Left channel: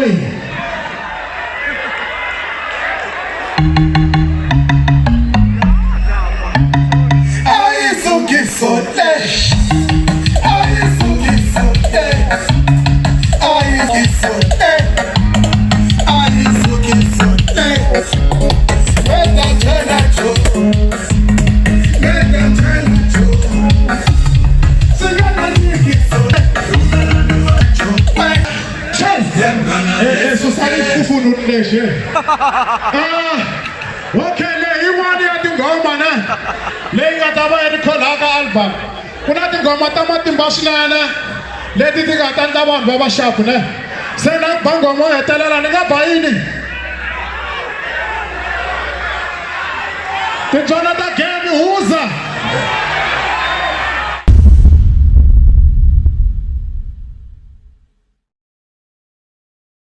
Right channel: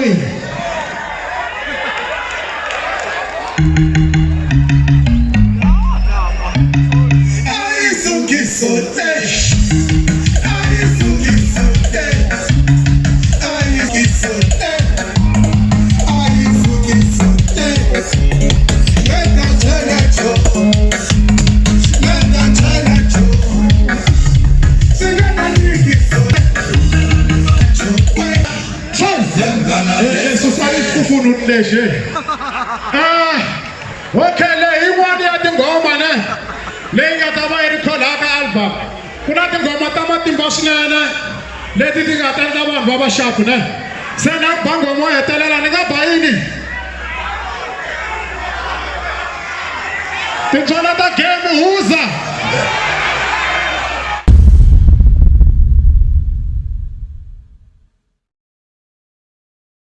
wini. Okay, le iwani ati ngoma ne le ngata ba ri khola ka album kuna tingoma ta matimba swinene leti ti nga ta endla vanhu va va sharp ne se na bango mo hetelela ni nga ba yini tintswala ta game huza